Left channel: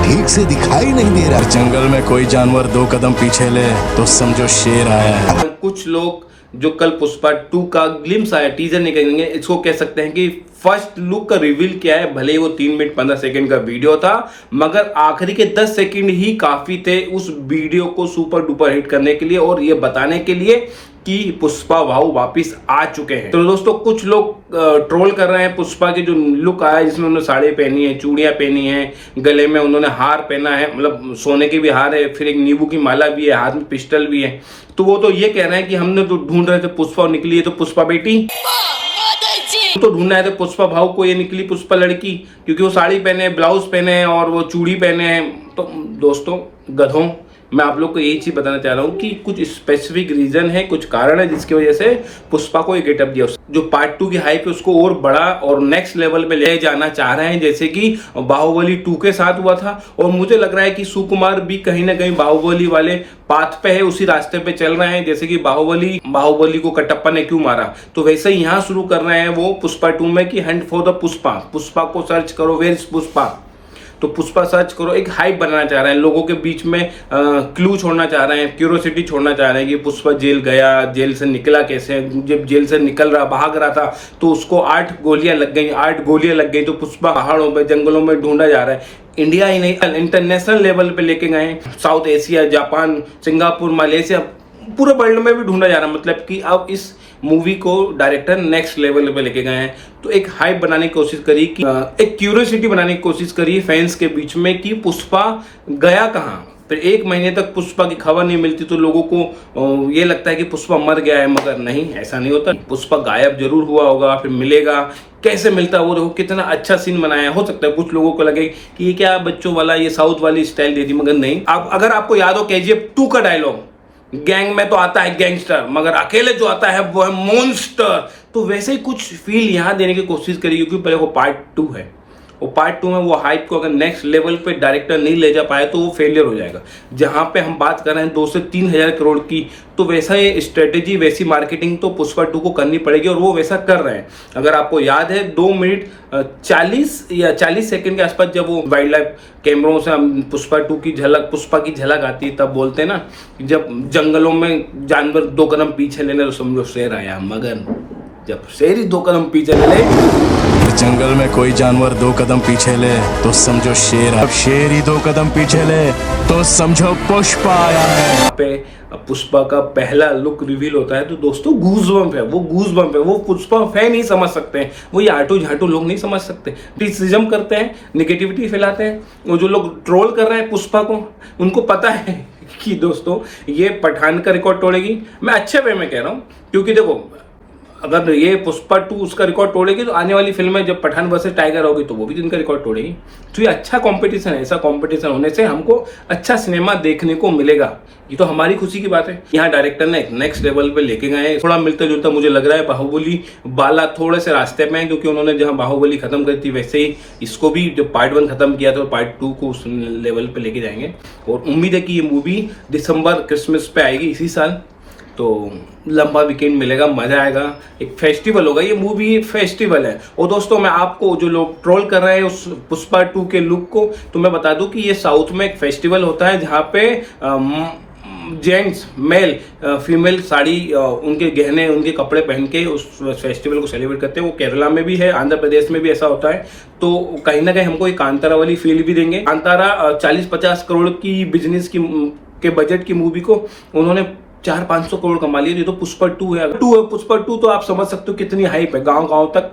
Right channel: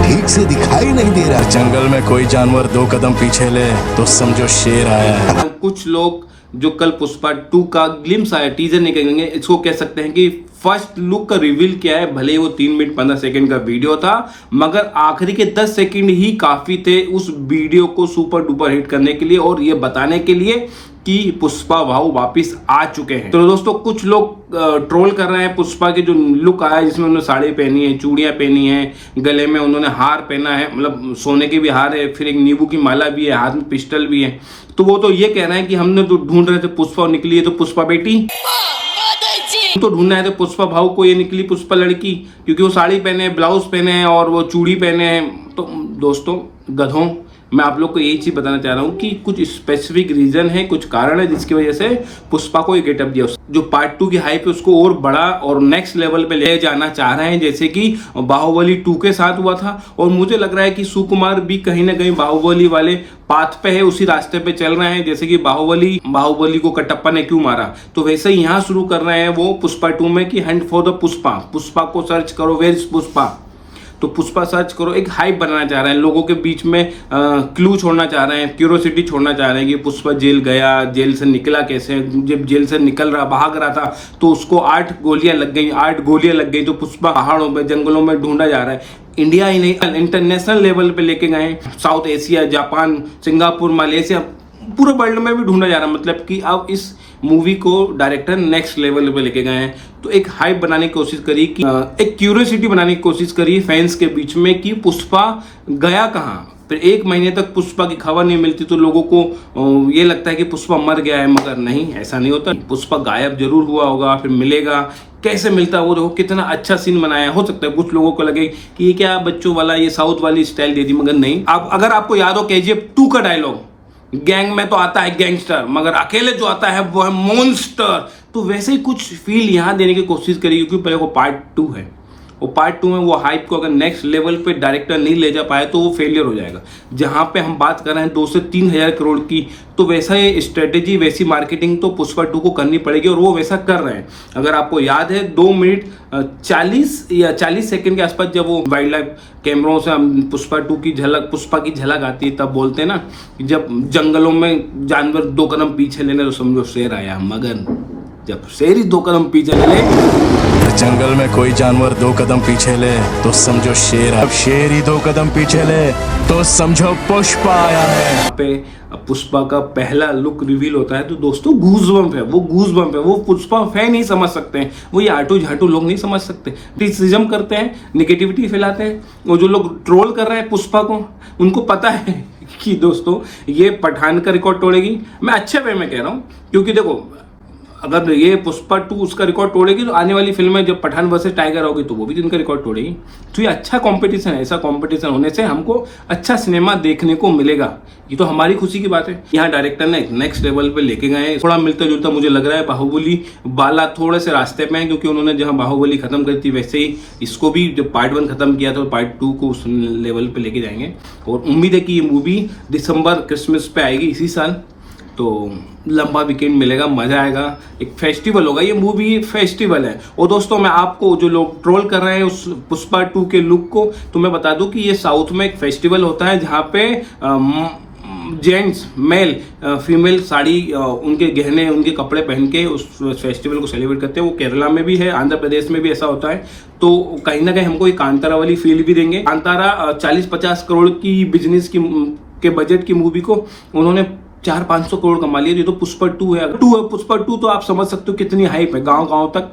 ठीक से दिखाई नहीं दे रहा। जंगल में कोई जानवर 2 कदम पीछे ले तो समझो शेर आया है। कुछ लोग जो कल पुष्पा 2 का ग्लिम्स आया, टीजर निकलेंगे, इसको कह सकते हैं कि फर्स्ट लुक का रिवील किया है। भले ही वो 3 मिनट 15 सेकंड का वीडियो था, मगर आखिरी के 10 सेकंड ही काफी थे उस वीडियो को सुपर डुपर हिट करने के लिए और ये बताने के लिए कि पुष्पा भाऊ वापिस आ चुके हैं। तो दोस्तों कुछ लोग ट्रोल कर रहे हैं पुष्पा की जो लुक आया, जिसमें उन्होंने साड़ी पहनी है, चूड़ियां पहनी है, गले में उन्होंने हार पहना है, मतलब सोने के भी हार है, फिर एक नींबू की माला भी है, हाथ में पिस्टल भी है। तो वो तो ये कह रहे हैं कि हमने तो ढूंढ रहे थे पुष्पा और निकली है तो पुष्पा बेटी, तो ढूंढना है तो पुष्पा भाव को, ये निकली पुष्पा लड़की, क्योंकि वो साड़ी पहने, ब्लाउज पहने हैं और वो चूड़ी पहने हैं। तो दोस्तों गधों, मैं आप लोग को यही चीज बताना चाह रहा हूँ कि कुछ स्पेसिफिक रीजन है, कुछ कारण है जिसकी वजह से पुष्पा को ये गेटअप दिया। जो पार्ट 2 की हाइप है उसको और बड़ा और नेक्स्ट लेवल पे ले जाना चाह रहे हैं, जैसे कि बाहुबली 2 के साथ हुआ था। और मुझे लग रहा है कि सुकुमार भी कहीं ना कहीं बाहुबली वाले पाथ पे है, उसी रास्ते पे चल रहे हैं। जैसे कि बाहुबली को कटप्पा ने क्यों मारा, तो वैसे ही यहाँ शुरू कर रहे हैं वो पुष्पा 2 में कि Hunt for the Pushpa. Pushpa को सर्च करो, वेयर इज पुष्पा, तो पुष्पा सर्च करो। एक हाइप बनाना चाह रहे हैं, लोगों के बीच में क्लू छोड़ना चाह रहे हैं, क्यूरियोसिटी छोड़ना चाह रहे हैं कि पुष्पा जेल गया, जेल से निकला कैसे, जब जेल से निकल रहा भाग रहा था तो उसको 8 गोलियां लग गई, तो पुष्पा पहाड़ों पे जंगलों में ढूंढा जा रहा है। इंडिया ही नहीं, इंटरनेशनल लेवल पे लेके गए, south Asia, Japan, Singapore, Malaysia, पूरे वर्ल्ड में भी ढूंढा जा रहा है। मतलब कि अब इस मूवी को डायरेक्टर नेक्स्ट लेवल पे लेके गए हैं। तो एक हाइप बनाने की कोशिश करी, कि एक क्यूरियोसिटी बनाने की कोशिश करी फैंस के बीच में कि पुष्पा गया कहाँ। फिर 1 महीने तक पुष्पा की खबर नहीं मिलती तो लोगों को ये लगता है कि पुष्पा मर गया है, मगर नहीं, ऐसा नहीं होता। पुष्पा गायब जरूर हुआ होगा, फिर मिलेगा, कैसे मिलता है वो देखो, कितना अच्छा सीन बनाया। हो सकता है कुछ लोगों को लगे कि ये क्या बच्चों वाला, ये साउथ वाली स्टाइल दे दी, मगर नहीं। अब अगर आपको याद हो KGF 2 का डायलॉग, गैंग में तो आता है गैंगस्टर, मगर अकेले जो आता है वो है मॉन्स्टर। तो वैसे ही कुछ फील यहाँ देने की कोशिश करी, क्योंकि पहले वो पार्ट 2 है, वो पार्ट 2 में वो हाइप को अगर नेक्स्ट लेवल पे डायरेक्टर नहीं ले जा पाए तो वो फेलियर हो जाएगा। जहाँ पे हम बात कर रहे हैं 2 से 3 हज़ार करोड़ की, तो वैसा ही स्ट्रेटेजी, वैसी मार्केटिंग तो पुष्पा 2 को करनी पड़ेगी और वो वैसा कर रहे हैं। अगर आपको याद है 2 मिनट 40 या 40 सेकंड के आसपास जब वो वाइल्ड लाइफ कैमरों से पुष्पा की झलक आती है, तब बोलते हैं ना, जब जंगलों में जानवर 2 कदम पीछे ले ले तो समझो शेर आया, मगर जब शेर ही 2 कदम पीछे ले ले, जंगल में कोई जानवर 2 कदम पीछे ले तो समझो शेर। अब शेर ही 2 कदम पीछे ले तो समझो पुष्पा आया है। पे पुष्पा का पहला लुक रिवील होता है तो दोस्तों गूज़बम्प है, वो पुष्पा फैन ही समझ सकते हैं, वो ये आटू झाटू लोग नहीं समझ सकते। क्रिटिसिज्म करते हैं, नेगेटिविटी फैलाते हैं, वो जो लोग ट्रोल कर रहे हैं पुष्पा को, उनको पता है कि दोस्तों ये पठान का रिकॉर्ड तोड़ेगी। मैं अच्छे वे में कह रहा हूँ, क्योंकि देखो अगर ये पुष्पा 2 उसका रिकॉर्ड तोड़ेगी तो आने वाली फिल्म में जब पठान वर्सेस टाइगर होगी तो वो भी इनका रिकॉर्ड तोड़ेगी। तो ये अच्छा कंपटीशन है, ऐसा कंपटीशन होने से हमको अच्छा सिनेमा देखने को मिलेगा, ये तो हमारी खुशी की बात है। यहाँ डायरेक्टर ने एक नेक्स्ट लेवल पे लेके गए, थोड़ा मिलता जुलता मुझे लग रहा है बाहुबली वाला थोड़े से रास्ते में है, क्योंकि उन्होंने जहाँ बाहुबली खत्म करी थी वैसे ही इसको भी जब पार्ट 1 खत्म किया तो पार्ट 2 को उस लेवल पे लेके जाएंगे। और उम्मीद है कि ये मूवी दिसंबर क्रिसमस पे आएगी इसी साल, तो लंबा वीकेंड मिलेगा, मजा आएगा, एक फेस्टिवल होगा। ये मूवी फेस्टिवल है। और दोस्तों मैं आपको, जो लोग ट्रोल कर रहे हैं उस पुष्पा 2 के लुक को, तो मैं बता दूं कि ये साउथ में एक फेस्टिवल होता है जहाँ पे जेंट्स, मेल, फीमेल साड़ी, उनके गहने, उनके कपड़े पहन के उस फेस्टिवल को सेलिब्रेट करते हैं। वो केरला में भी है, आंध्र प्रदेश में भी ऐसा होता है। तो कहीं ना कहीं हमको एक कांतारा वाली फील भी देंगे। कांतारा 40-50 करोड़ की बिजनेस के बजट की मूवी को उन्होंने 400-500 करोड़ कमा लिया। ये तो पुष्पा 2 है। पुष्पा 2 तो आप समझ सकते हो कितनी हाइप है, गांव तक।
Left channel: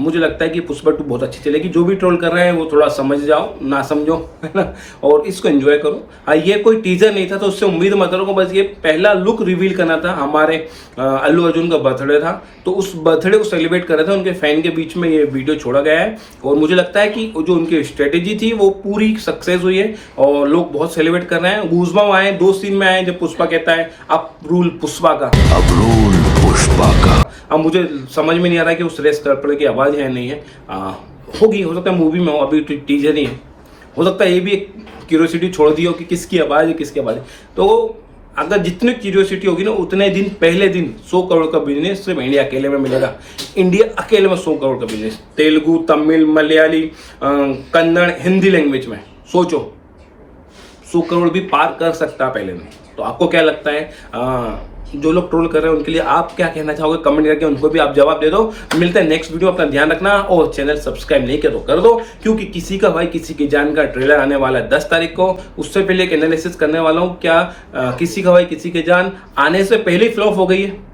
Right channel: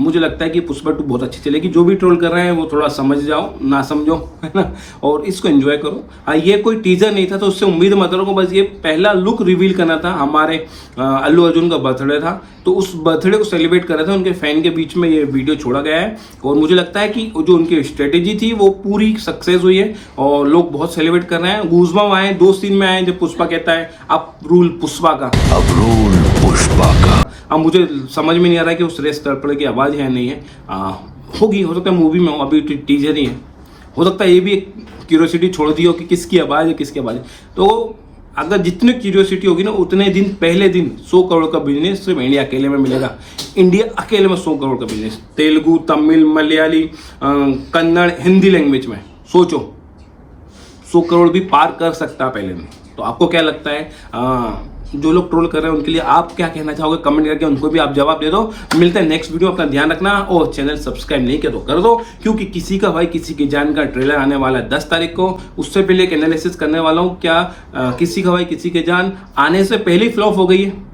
मुझे लगता है कि पुष्पा 2 बहुत अच्छी चलेगी। जो भी ट्रोल कर रहे हैं वो थोड़ा समझ जाओ, ना समझो, है ना, और इसको एंजॉय करो। हाँ, ये कोई टीजर नहीं था तो उससे उम्मीद मत करो, बस ये पहला लुक रिवील करना था। हमारे अल्लू अर्जुन का बर्थडे था तो उस बर्थडे को सेलिब्रेट कर रहे थे, उनके फैन के बीच में ये वीडियो छोड़ा गया है। और मुझे लगता है कि जो उनकी स्ट्रेटेजी थी वो पूरी सक्सेस हुई है और लोग बहुत सेलिब्रेट कर रहे हैं। गूज़बम्प आए, 2 सीन में आए जब पुष्पा कहता है अब रूल पुष्पा का, अब रूल पुष्पा का। अब मुझे समझ में नहीं आ रहा है कि उस रेस तड़पड़े की आवाज़ है नहीं है, होगी, हो सकता है मूवी में हो, अभी टीजर ही है, हो सकता है ये भी एक क्यूरियोसिटी छोड़ दी हो कि किसकी आवाज़ है, किसकी आवाज़ है। तो अगर जितनी क्यूरियोसिटी होगी ना उतने दिन पहले दिन 100 करोड़ का बिजनेस सिर्फ इंडिया अकेले में मिलेगा। इंडिया अकेले में 100 करोड़ का बिजनेस, तेलुगु, तमिल, मलयाली, कन्नड़, हिंदी लैंग्वेज में सोचो 100 करोड़ भी पार कर सकता है पहले दिन। तो आपको क्या लगता है? जो लोग ट्रोल कर रहे हैं उनके लिए आप क्या कहना चाहोगे? कमेंट करके उनको भी आप जवाब दे दो। मिलते हैं नेक्स्ट वीडियो, अपना ध्यान रखना और चैनल सब्सक्राइब नहीं किया तो कर दो, क्योंकि किसी का भाई किसी की जान का ट्रेलर आने वाला है 10 तारीख को। उससे पहले एक एनालिसिस करने वाला हूँ, क्या किसी का भाई किसी की जान आने से पहले फ्लॉप हो गई है